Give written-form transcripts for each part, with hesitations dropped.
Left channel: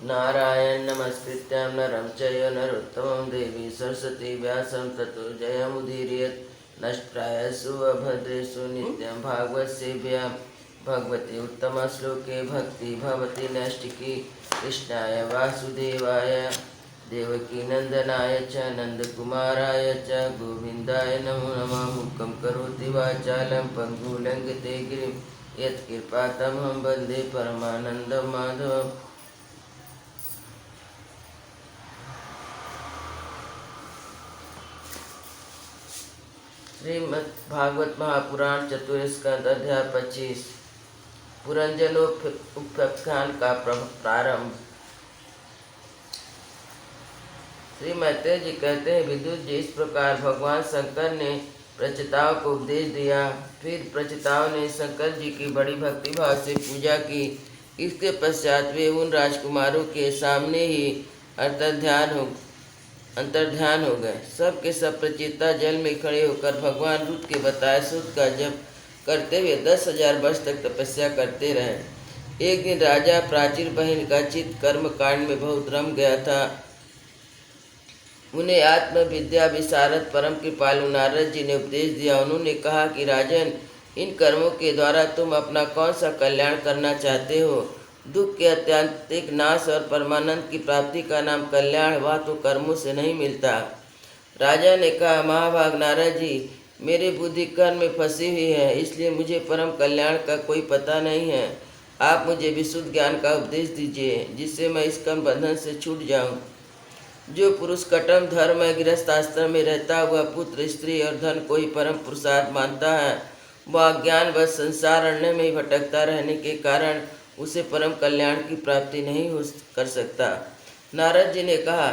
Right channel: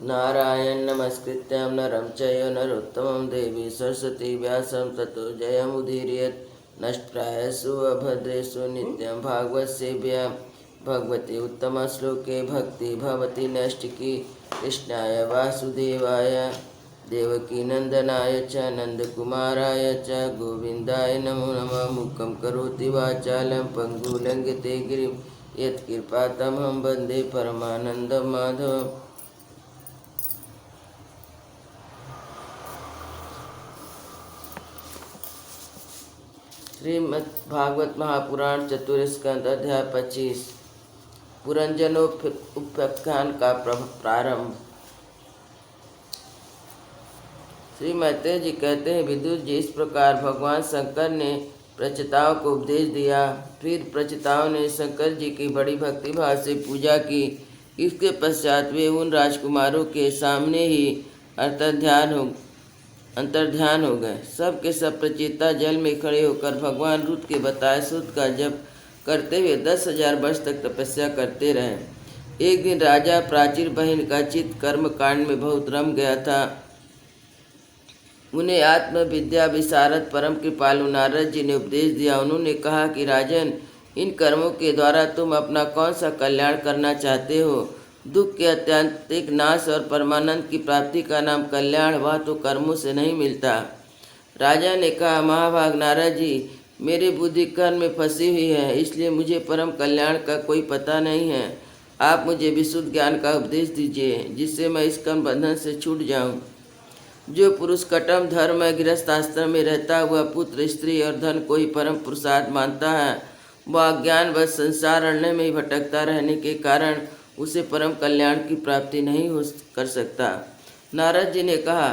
नारायण नमस्कृत्य नरं चैव नरोत्तमं देवी सरस्वती व्यासं ततो जयमुदीरयेत् नष्टायसु अभद्रेषु नित्यं भागवतसेव्यां भगवती उत्तमश्लोके भक्ति भवति नैष्टिकी कृष्णाय वासुदेवाय देवकीनन्दनाय च नन्दकुमाराय च गोविन्दाय नमो नमः। मूकं करोति वाचालं पङ्गुलङ्घिते गिरिं यत्कृपातमहं वन्दे परमानन्दं माधवम्। श्रीमद् भागवत महापुराण चतुर्स्कंद अध्याय 25 पुरंजनोपाख्यान का प्रारंभ। श्री मैत्रेय जी कहते हैं, विदुर जी, इस प्रकार भगवान शंकर ने प्रचेताओं को उपदेश दिया। फिर प्रचेताओं ने शंकर जी की बड़ी भक्ति भाव से पूजा की। इसके पश्चात वे उन राजकुमारों के सामने ही अंतर्ध्यान हो गए। सब के सब प्रचेता जल में खड़े होकर भगवान रुद्र के बताए सूत्र का जप करते हुए 10,000 वर्ष तक तपस्या करते रहे। एक दिन राजा प्राचीर बहन का चित्त कर्म कांड में बहुत रम गया था। उन्हें आत्मविद्या विशारद परम कृपालु नारद जी ने उपदेश दिया। उन्होंने कहा कि राजन, इन कर्मों के द्वारा तुम अपना कौन सा कल्याण करना चाहते हो? दुख के अत्यंतिक नाश और परमानंद की प्राप्ति का नाम कल्याण, वह तो कर्मों से नहीं मिलता। राजा ने कहा, महाभाग नारद जी, मेरी बुद्धि कर्म में फंसी हुई है, इसलिए मुझे परम कल्याण का कोई पता नहीं है। आप मुझे विशुद्ध ज्ञान का उपदेश दीजिए, जिससे मैं इस कर्म बंधन से छूट जाऊं। जो पुरुष कटम धर्म गृहस्थ आश्रम में रहता हुआ पुत्र स्त्री और धन को ही परम पुरुषार्थ मानता है, वह अज्ञान व संसार अरण्य में भटकता रहने के कारण उसे परम कल्याण की प्राप्ति नहीं कर सकता। नारद जी ने कहा,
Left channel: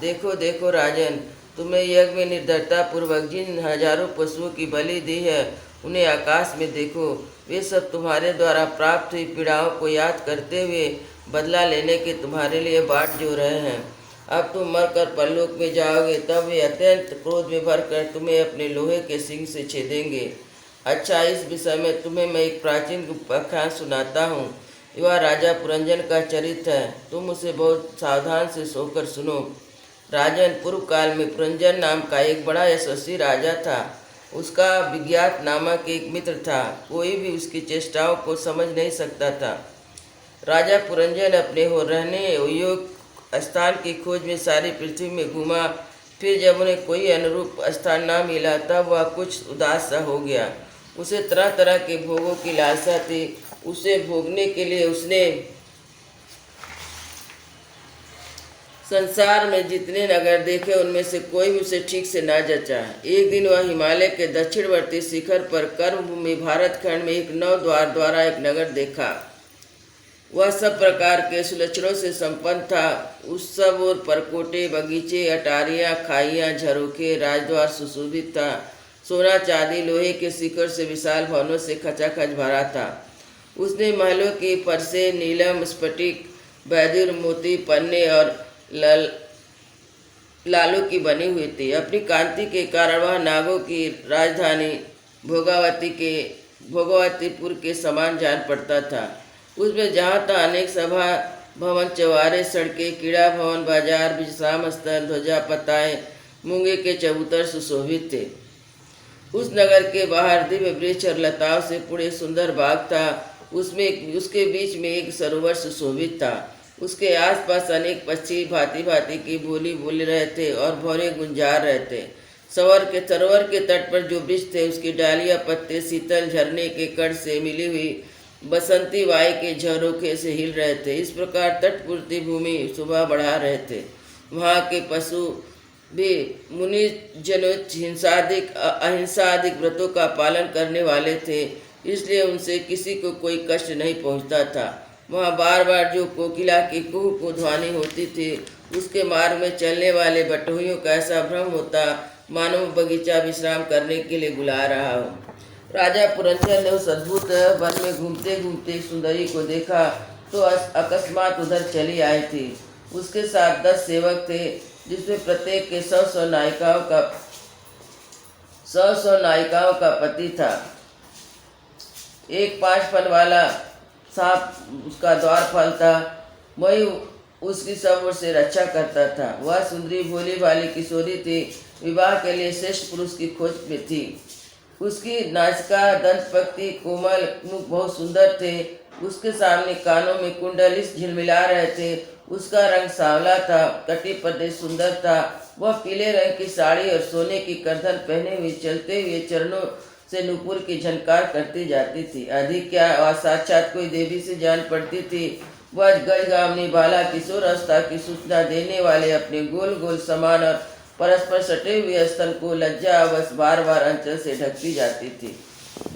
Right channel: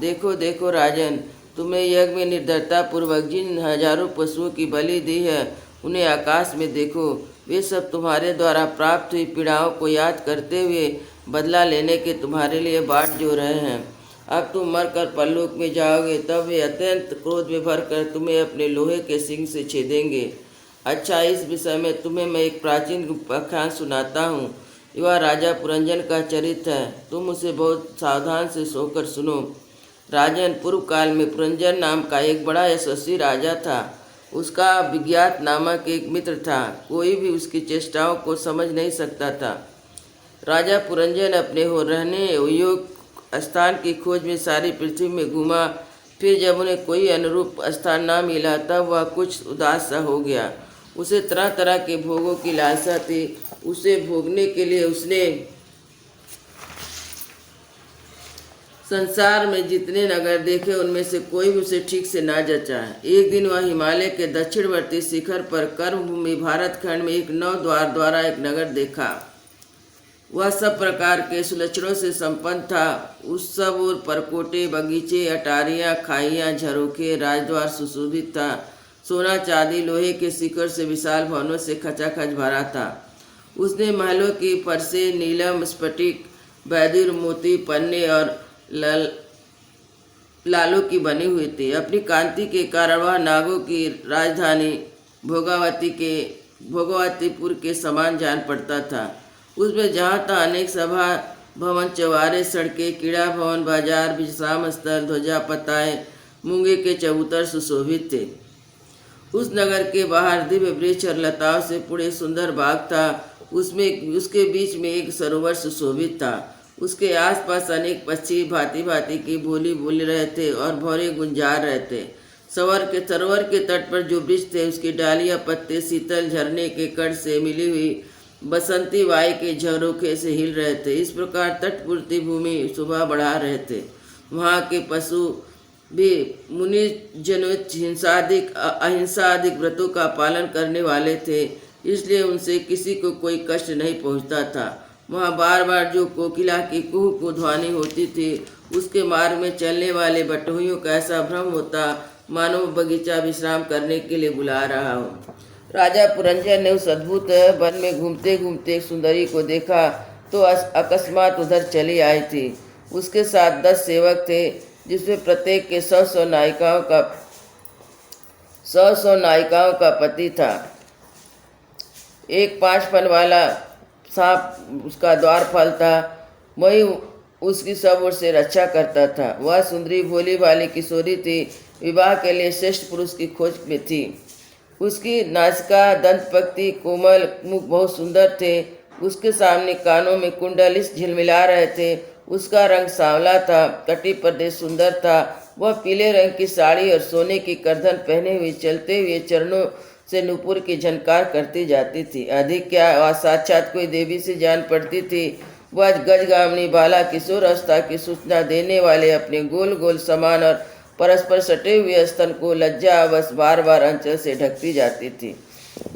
देखो देखो राजन, तुम्हें यज्ञ में निर्धरता पूर्वक जिन हजारों पशुओं की बलि दी है, उन्हें आकाश में देखो। वे सब तुम्हारे द्वारा प्राप्त हुई पीड़ाओं को याद करते हुए बदला लेने के तुम्हारे लिए बाट जो रहे हैं। अब तुम मरकर परलोक में जाओगे, तब वे अत्यंत क्रोध में भरकर तुम्हें अपने लोहे के सिंह से छेदेंगे। अच्छा, इस विषय में तुम्हें मैं एक प्राचीन उपाख्यान सुनाता हूँ। वह राजा पुरंजन का चरित्र है। तुम उसे बहुत सावधान से सोकर सुनो। राजन, पूर्व काल में पुरंजन नाम का एक बड़ा यशस्वी राजा था। उसका विज्ञात नामक एक मित्र था। कोई भी उसकी चेष्टाओं को समझ नहीं सकता था। राजा पुरंजन अपने हो रहने योग्य स्थान की खोज में सारी पृथ्वी में घूमा। फिर जब उन्हें कोई अनुरूप स्थान न मिला, तब वह कुछ उदास सा हो गया। उसे तरह तरह के भोगों की लालसा थी। उसे भोगने के लिए उसने संसार में जितने नगर देखे, उनमें से कोई भी उसे ठीक से ना जचा। एक दिन वह हिमालय के दक्षिणवर्ती शिखर पर कर्मभूमि भारत खंड में एक 9 द्वार द्वारा एक नगर देखा। वह सब प्रकार के सुलक्षणों से संपन्न था। उस सब ओर परकोटे, बगीचे, अटारियां, खाइयां, झरोखे, राजद्वार सुशोभित था। सोना चांदी लोहे के शिखर से विशाल भवनों से खचाखच भरा था। उसने महलों की फरसे नीलम, स्फटिक, बैदुर, मोती, पन्ने और लालों की बनी हुई थी। अपनी कांति के कारण वह नागों की राजधानी भोगावतीपुर के समान जान पड़ता था। उसमें जहाँ तहाँ अनेक सभा भवन, चौबारे, सड़कें, क्रीड़ा भवन, बाजार, विश्राम स्थल, ध्वजा पताए, मूंगे के चबूतर सुशोभित थे। उस नगर के बाहर दिव्य वृक्ष और लताओं से पूरे सुंदर बाग था। उसके बीच में एक सरोवर सुशोभित था। उसके आसपास अनेक पक्षी भांति भांति की बोली बोल रहे थे और भौरे गुंजार रहे थे। सरोवर के तट पर जो वृक्ष थे, उसकी डालियां पत्ते शीतल झरने के कण से मिली हुई बसंती वायु के झरोखे से हिल रहे थे। इस प्रकार तटपूर्ति भूमि शोभा बढ़ा रहे थे। वहाँ के पशु भी मुनि जनों अहिंसा आदि व्रतों का पालन करने वाले थे, इसलिए उनसे किसी को कोई कष्ट नहीं पहुंचता था। वहाँ बार बार जो कोकिला की कुहू को ध्वनि होती थी, उसके मार्ग में चलने वाले बटोहियों का ऐसा भ्रम होता मानो बगीचा विश्राम करने के लिए बुला रहा हो। राजा पुरंजन ने उस अद्भुत वन में घूमते घूमते सुंदरी को देखा तो अकस्मात उधर चली आई थी। उसके साथ 10 सेवक थे, जिसमें प्रत्येक के 100 नायिकाओं का पति था। एक 5 फल वाला सांप उसका द्वारपाल था। वही उसकी सब ओर से रक्षा करता था। वह सुंदरी भोली भाली किशोरी थी, विवाह के लिए श्रेष्ठ पुरुष की खोज में थी। उसकी नासिका दंतपक्ति कोमल, मुख बहुत सुंदर थे। उसके सामने कानों में कुंडलिस झिलमिला रहे थे। उसका रंग सांवला था, कटी प्रदेश सुंदर था। वह पीले रंग की साड़ी और सोने की करधन पहने हुए चलते हुए चरणों से नूपुर की झनकार करती जाती थी। अधिक क्या, वह साक्षात कोई देवी से जान पड़ती थी। वह गजगामिनी बाला किशोर अवस्था की सूचना देने वाले अपने गोल गोल समान और परस्पर सटे हुए स्तन को लज्जा अवश्य बार बार अंचल से ढकती जाती थी।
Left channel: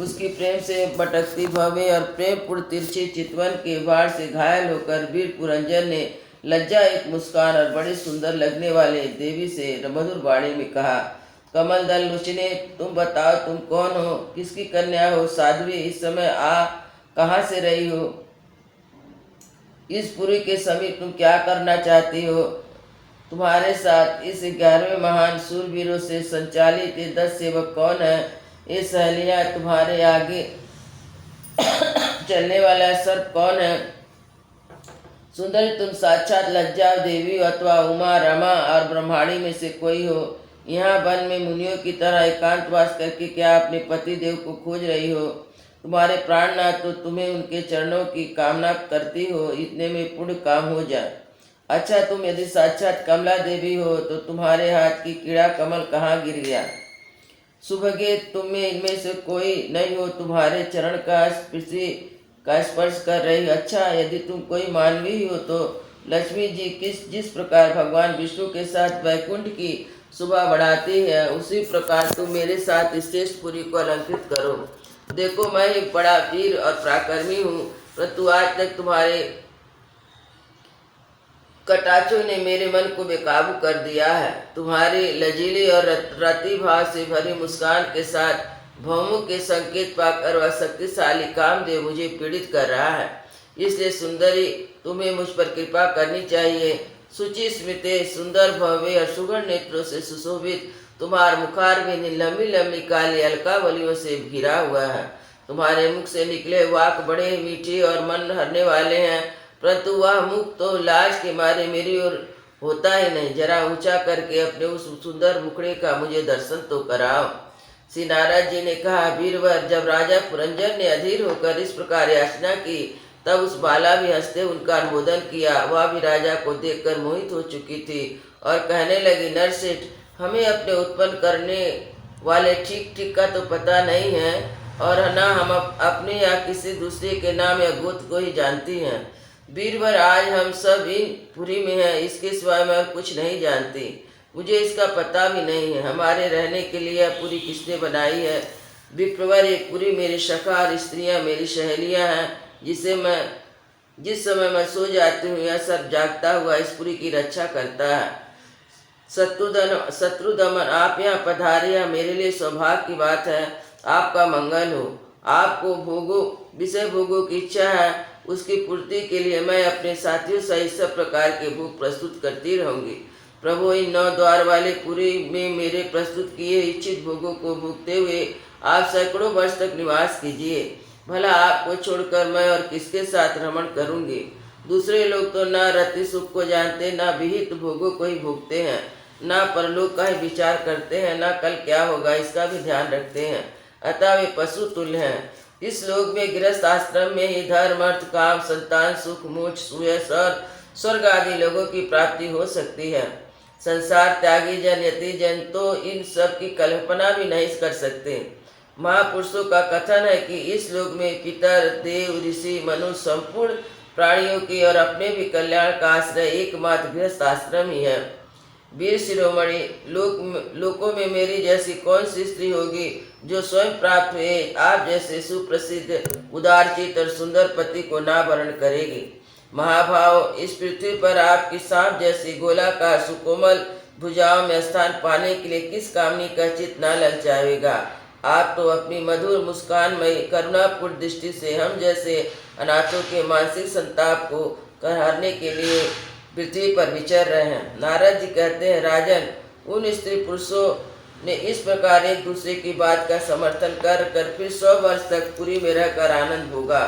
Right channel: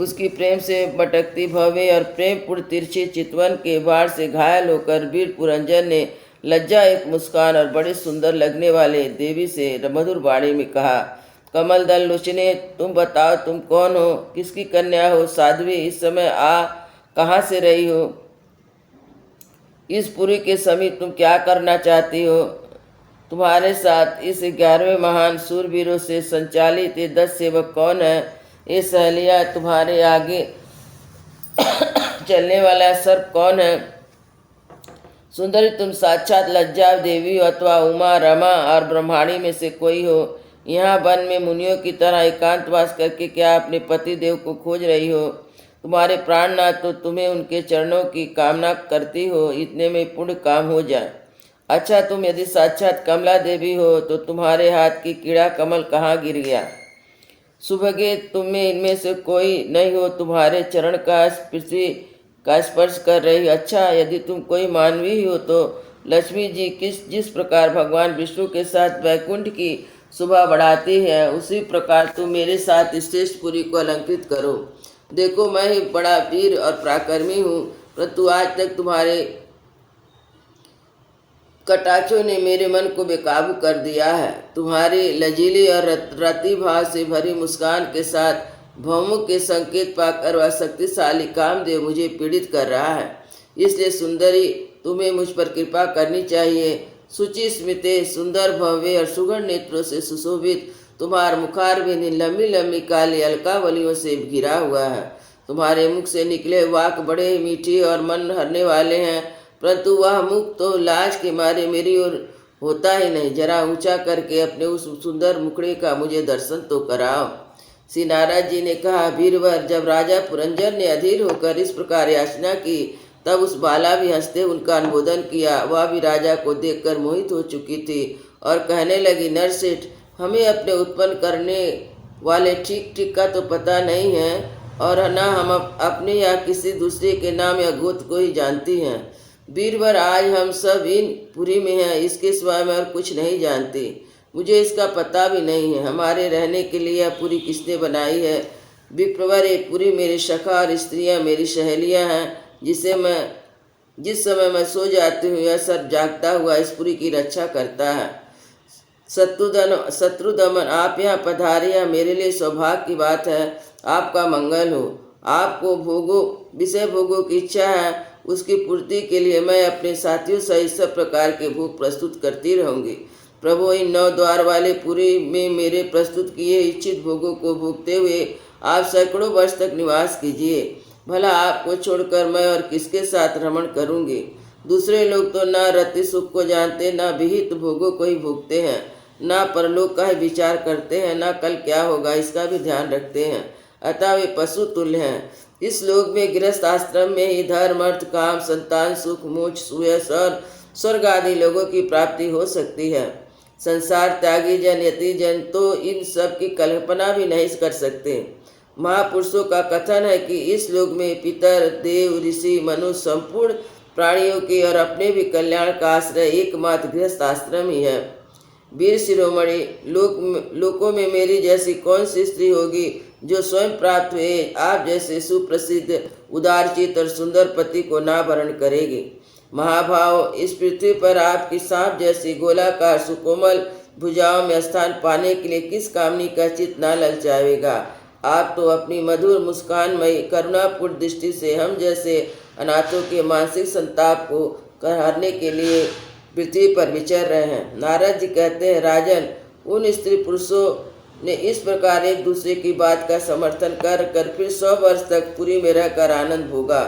उसकी प्रेम से भटकती भव्य और प्रेमपूर्ण तिरछी चितवन के बाढ़ से घायल होकर वीर पुरंजन ने लज्जा एक मुस्कान और बड़े सुंदर लगने वाले देवी से मधुर वाणी में कहा, कमल दल लोचने, तुम बताओ तुम कौन हो, किसकी कन्या हो? साध्वी, इस समय कहाँ से रही हो? इस पुरी के समीप तुम क्या करना चाहती हो? तुम्हारे साथ इस 11वें महान सूरवीरों से संचालित ये 10 सेवक कौन है? ये सहेलियाँ, तुम्हारे आगे चलने वाला सर्प कौन है? सुंदरी, तुम साक्षात लज्जा देवी अथवा उमा, रमा और ब्रह्माणी में से कोई हो। यहाँ वन में मुनियों की तरह एकांतवास करके क्या अपने पति देव को खोज रही हो? तुम्हारे प्राणनाथ तो तुम्हें उनके चरणों की कामना करती हो, इतने में पुण्य काम हो जाए। अच्छा, तुम यदि साक्षात कमला देवी हो तो तुम्हारे हाथ की कीड़ा कमल कहाँ गिर गया? सुभगे, तुम में इनमें से कोई नहीं हो तुम्हारे चरण का पृथ्वी का स्पर्श कर रही। अच्छा, यदि तुम कोई मानवी हो तो लक्ष्मी जी जिस प्रकार भगवान विष्णु के साथ वैकुंठ की शोभा बढ़ाती है, उसी प्रकार तुम मेरे साथ श्रेष्ठ पुरी को अलंकृत करो। देखो, मैं ही बड़ा वीर और पराक्रमी हूँ, परंतु आज तक तुम्हारे कटाक्षों ने मेरे मन को बेकाबू कर दिया है। तुम्हारी लजीली और रति भाव से भरी मुस्कान के साथ भौमों के संकेत पाकर वह शक्तिशाली कामदेव मुझे पीड़ित कर रहा है। इसलिए सुंदरी, तुम्हें मुझ पर कृपा करनी चाहिए। सुचि स्मिते, सुंदर भव्य और सुगढ़ नेत्रों से सुशोभित तुम्हारा मुखारविंद लंबी लंबी काली अलकावलियों से घिरा हुआ है। तुम्हारे मुख से निकले वाक बड़े मीठे और मन हरने वाले हैं, परंतु वह मुख तो लाज के मारे मेरी ओर होता ही नहीं। जरा ऊंचा करके अपने उस सुंदर मुखड़े का मुझे दर्शन तो कराओ। श्री नारद जी ने कहा, वीरवर, जब राजा पुरंजन ने अधीर होकर इस प्रकार याचना की, तब उस बाला भी हंसते उनका अनुमोदन किया। वह भी राजा को देखकर मोहित हो चुकी थी और कहने लगी, नरसेठ, हमें अपने उत्पन्न करने वाले ठीक ठीक का तो पता नहीं है, और न हम अपने या किसी दूसरे के नाम या गोत्र को ही जानती हैं। वीरवर, आज हम सब इन पुरी में हैं, इसके सिवाय मैं और कुछ नहीं जानती। मुझे इसका पता भी नहीं है हमारे रहने के लिए यह पुरी किसने बनाई है। विप्रवर, ये पुरी मेरे सखा और स्त्रियां मेरी सहेलियां हैं। जिस समय मैं सो जाती हूँ, यह सब जागता हुआ इस पुरी की रक्षा करता है। शत्रुदमन, आप यहाँ पधारिया, मेरे लिए सौभाग्य की बात है। आपका मंगल हो। आपको विषय भोगों की इच्छा है, उसकी पूर्ति के लिए मैं अपने साथियों सहित सब प्रकार के भोग प्रस्तुत करती रहूंगी। प्रभु, इन 9 द्वार वाले पुरी में मेरे प्रस्तुत किए इच्छित भोगों को भोगते हुए आप सैकड़ों वर्ष तक निवास कीजिए। भला आपको छोड़कर मैं और किसके साथ रमण करूंगी? दूसरे लोग तो न रति सुख को जानते, न विहित भोगों को ही भोगते हैं, न परलोक का ही विचार करते हैं, न कल क्या होगा इसका भी ध्यान रखते हैं। अतः वे पशु तुल्य हैं। इस लोक में गृहस्थ आश्रम में ही धर्म, अर्थ, काम, संतान, सुख, मोक्ष, सुयश और स्वर्ग आदि लोगों की प्राप्ति हो सकती है। संसार त्यागी जन, यति जन तो इन सब की कल्पना भी नहीं कर सकते। महापुरुषों का कथन है कि इस लोक में पितर, देव, ऋषि, मनुष्य, संपूर्ण प्राणियों की और अपने भी कल्याण का आश्रय एकमात्र गृहस्थ आश्रम ही है। वीर शिरोमणि, लोकों में मेरी जैसी कौन सी स्त्री होगी जो स्वयं प्राप्त हुए आप जैसे सुप्रसिद्ध, उदारचित और सुंदर पति को ना वरण करेगी? महाभाव, इस पृथ्वी पर आपकी सांप जैसी गोलाकार सुकोमल भुजाओं में स्थान पाने के लिए किस कामनी का चित्त न ललचावेगा? आप तो अपनी मधुर मुस्कानमयी करुणापूर्ण दृष्टि से हम जैसे अनाथों के मानसिक संताप को करने के लिए पृथ्वी पर विचर रहे हैं। नारद जी कहते हैं, राजन, उन स्त्री पुरुषों ने इस प्रकार एक दूसरे की बात का समर्थन कर फिर 100 वर्ष तक पुरी में रहकर आनंद भोगा।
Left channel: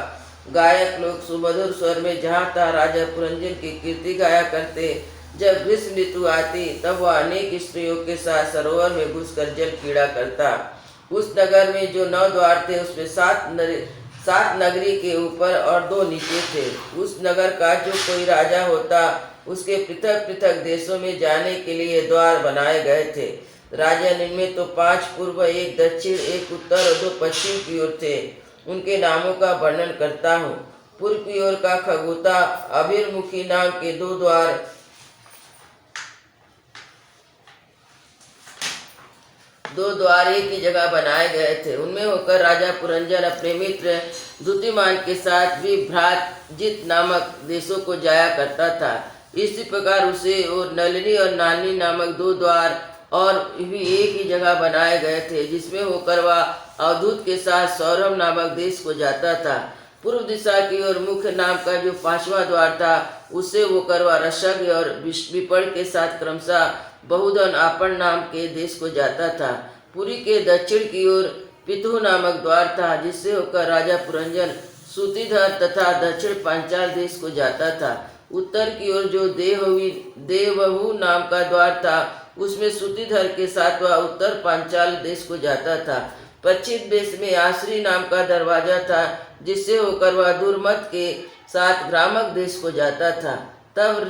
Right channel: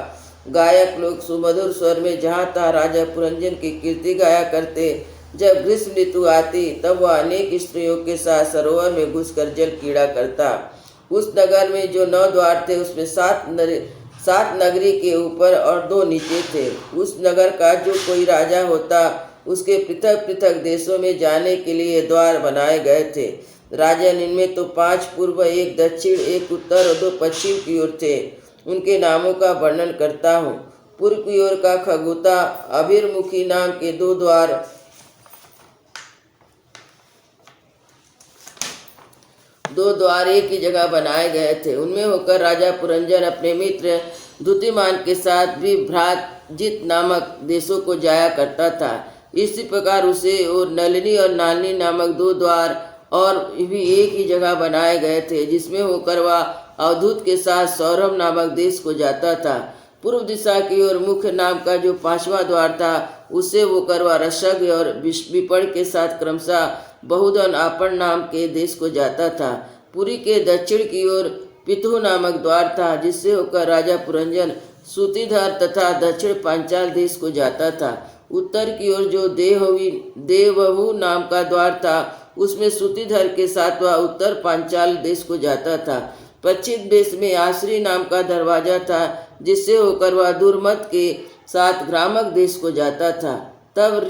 गायक लोग सुमधुर स्वर में जहाँ तहाँ राजा पुरंजन की कीर्ति गाया करते। जब ग्रीष्म ऋतु आती तब वह अनेक स्त्रियों के साथ सरोवर में घुसकर जल क्रीड़ा करता। उस नगर में जो 9 द्वार थे उसमें 7 नगरी के ऊपर और 2 नीचे थे। उस नगर का जो कोई राजा होता उसके पृथक पृथक देशों में जाने के लिए द्वार बनाए गए थे। राजन इनमें तो 5 पूर्व, 1 दक्षिण, 1 उत्तर और 2 पश्चिम की ओर थे। उनके नामों का वर्णन करता हूँ। पूर्व की ओर का खगोता अभिर्मुखी नाम के 2 द्वार, एक ही जगह बनाए गए थे। उनमें होकर राजा पुरंजन अपने मित्र द्युतिमान के साथ भी भ्रातजित नामक देशों को जाया करता था। इसी प्रकार उसे और नलिनी और नानी नामक 2 द्वार और भी एक ही जगह बनाए गए थे, जिसमें होकर वह अवधूत के साथ सौरभ नामक देश को जाता था। पूर्व दिशा की ओर मुख्य नाम का जो 5वां द्वार था उससे होकर वह रसज्ञ और विपण के साथ क्रमशः बहुधन आपण नाम के देश को जाता था। पुरी के दक्षिण की ओर पितु नामक द्वार था, जिससे होकर राजा पुरंजन सूतिधर तथा दक्षिण पांचाल देश को जाता था। उत्तर की ओर जो देवहू नाम का द्वार था उसमें सूतिधर के साथ वह उत्तर पांचाल देश को जाता था। पश्चिम देश में आश्री नाम का दरवाजा था, जिससे होकर वह दुर्मत के साथ ग्रामक देश को जाता था। तब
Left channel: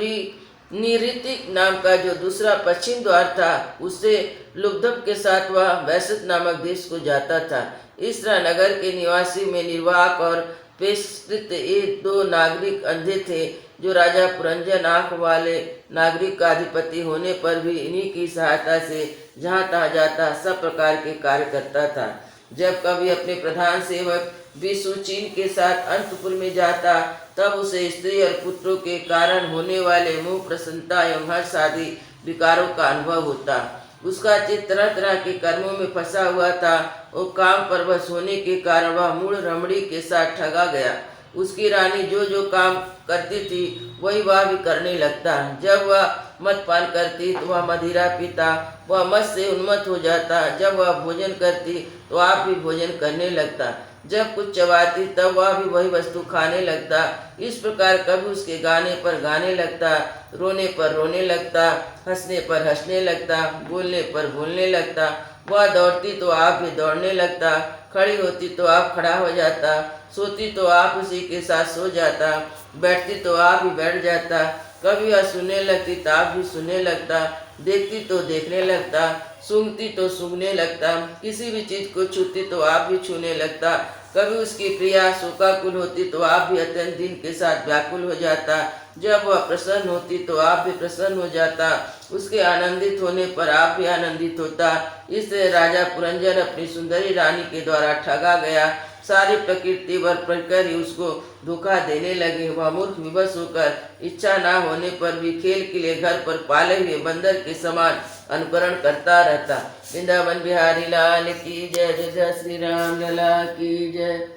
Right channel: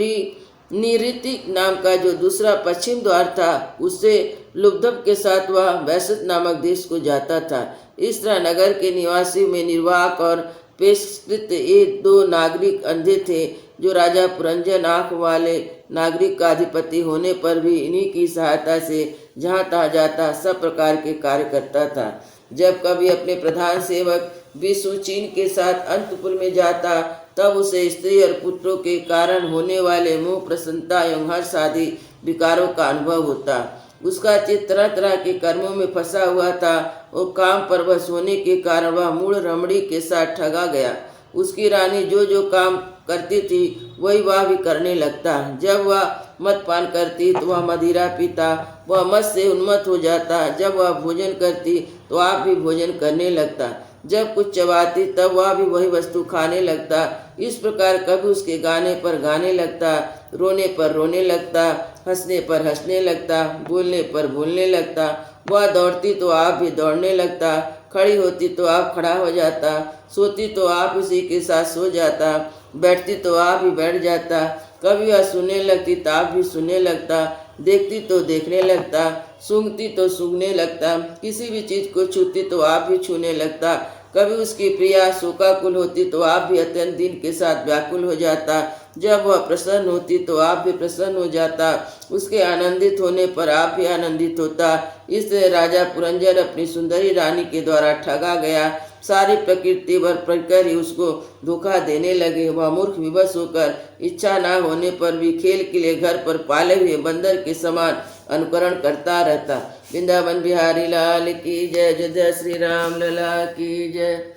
निऋतिक नाम का जो दूसरा पश्चिम द्वार था उससे लुब्धब के साथ वह वैश्यत नामक देश को जाता था। इस तरह नगर के निवासी में निर्वाक और पेशकृत ये 2 नागरिक अंधे थे, जो राजा पुरंजन आँख वाले नागरिक का अधिपति होने पर भी इन्हीं की सहायता से जहाँ तहाँ जाता सब प्रकार के कार्य करता था। जब कभी अपने प्रधान सेवक विश्वचीन के साथ अंतपुर में जाता तब उसे स्त्री और पुत्रों के कारण होने वाले मोह, प्रसन्नता एवं हर्ष आदि विकारों का अनुभव होता। उसका चित्त तरह तरह के कर्मों में फंसा हुआ था और काम परवश होने के कारण वह मूढ़ रमणी के साथ ठगा गया। उसकी रानी जो जो काम करती थी वही वह भी करने लगता। जब वह मद पान करती तो वह मदिरा पीता, वह मद से उन्मत्त हो जाता। जब वह भोजन करती तो आप भी भोजन करने लगता। जब कुछ चबाती तब वह भी वही वस्तु खाने लगता। इस प्रकार कभी उसके गाने पर गाने लगता, रोने पर रोने लगता, हंसने पर हंसने लगता, बोलने पर बोलने लगता। वह दौड़ती तो आप भी दौड़ने लगता, खड़ी होती तो आप खड़ा हो जाता, सोती तो आप उसी के साथ सो जाता, बैठती तो आप भी बैठ जाता। कभी वह सुनने लगती तो आप भी सुनने लगता, देखती तो देखने लगता, सूंघती तो सूंघने लगता, किसी भी चीज को छूती तो आप भी छूने लगता। कभी उसकी प्रिया शोकाकुल होती तो आप भी अत्यंत दिन के साथ व्याकुल हो जाता। जब वह प्रसन्न होती तो आप भी प्रसन्न हो जाता, उसके आनंदित होने पर आप भी आनंदित होता। इसलिए राजा पुरंजन अपनी सुंदरी रानी के द्वारा ठगा गया। सारी प्रकृति वर प्रकर ही उसको धोखा देने लगे। वह मूर्ख विवश होकर इच्छा ना होने पर भी खेल के लिए घर पर पाले हुए बंदर के समान अनुकरण करता रहता। वृंदावन बिहारी लाल की जय। जय श्री राम लला की जय।